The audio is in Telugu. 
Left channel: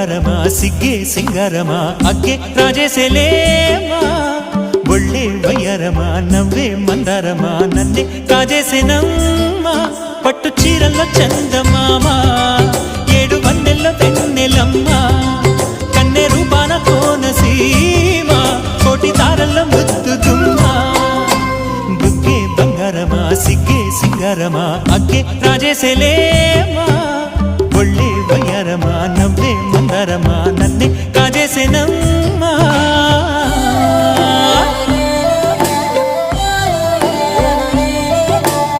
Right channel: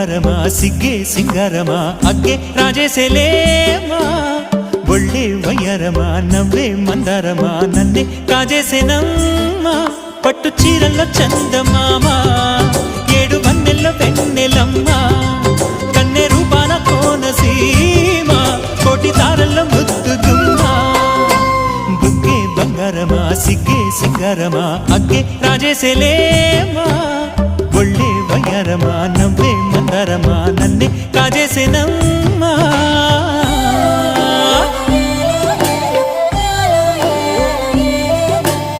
బంగారమా సిగ్గే సింగారమా అగ్గే రాజేసేలేమా ఒళ్ళే వయ్యారమా నవ్వే మందారమా నన్నే కాజేసేనమ్మా పట్టు చీరల్లో చందమామా ఏడు వన్నెల్లో వెన్నెలమ్మా కన్నె రూపాన కోనసీమ కోటి తారల్లో ముద్దుదుమ్మా బుగ్గే బంగారమా సిగ్గే సింగారమా అగ్గే రాజేసేలేమా ఒళ్ళే వయ్యారమా నవ్వే మందారమా నన్నే కాజేసేనమ్మా